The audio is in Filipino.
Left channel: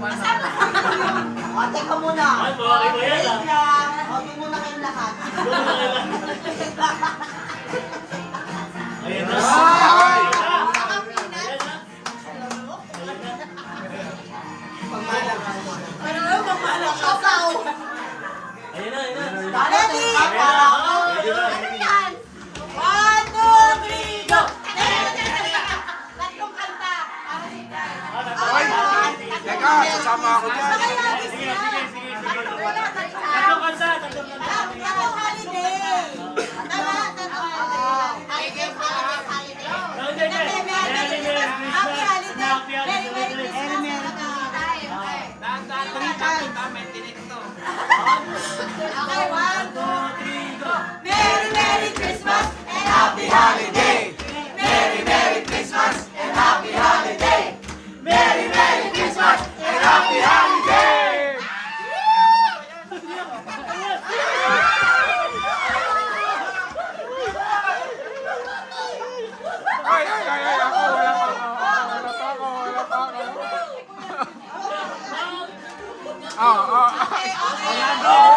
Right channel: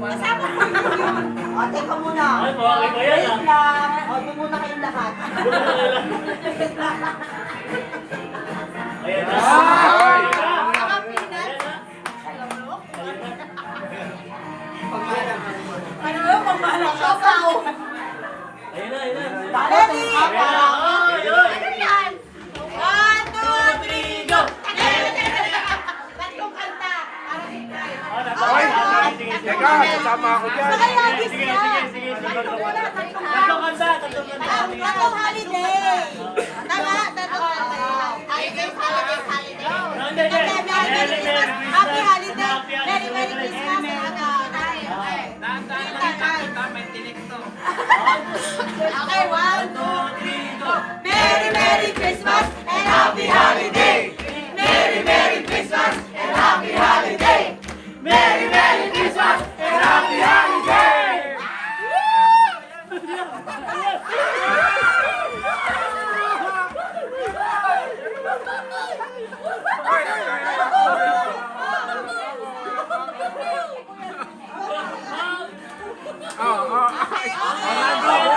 O, teka muna. Wait lang. O, doon muna kayong lahat. Ayan na. Ay! Ayan na, ayan na. Ready? Ano yan? 1, 2, 3, go! Tatlong kanta. Para si Brian. Hoy! Teka, sasama ako dyan. Makalagis Sige, na. sige, sige, sige. Tatlong kanta, tatlong kanta. Tatlong holiday. Tama, tatlong holiday. Holiday. Hindi, hindi. Merry Christmas. Happy holiday. Merry Christmas. Okay, 1, 2, 3, go. Merry Christmas and happy holiday. Merry Christmas and happy holiday. Merry Christmas and happy holiday. Oo, oo.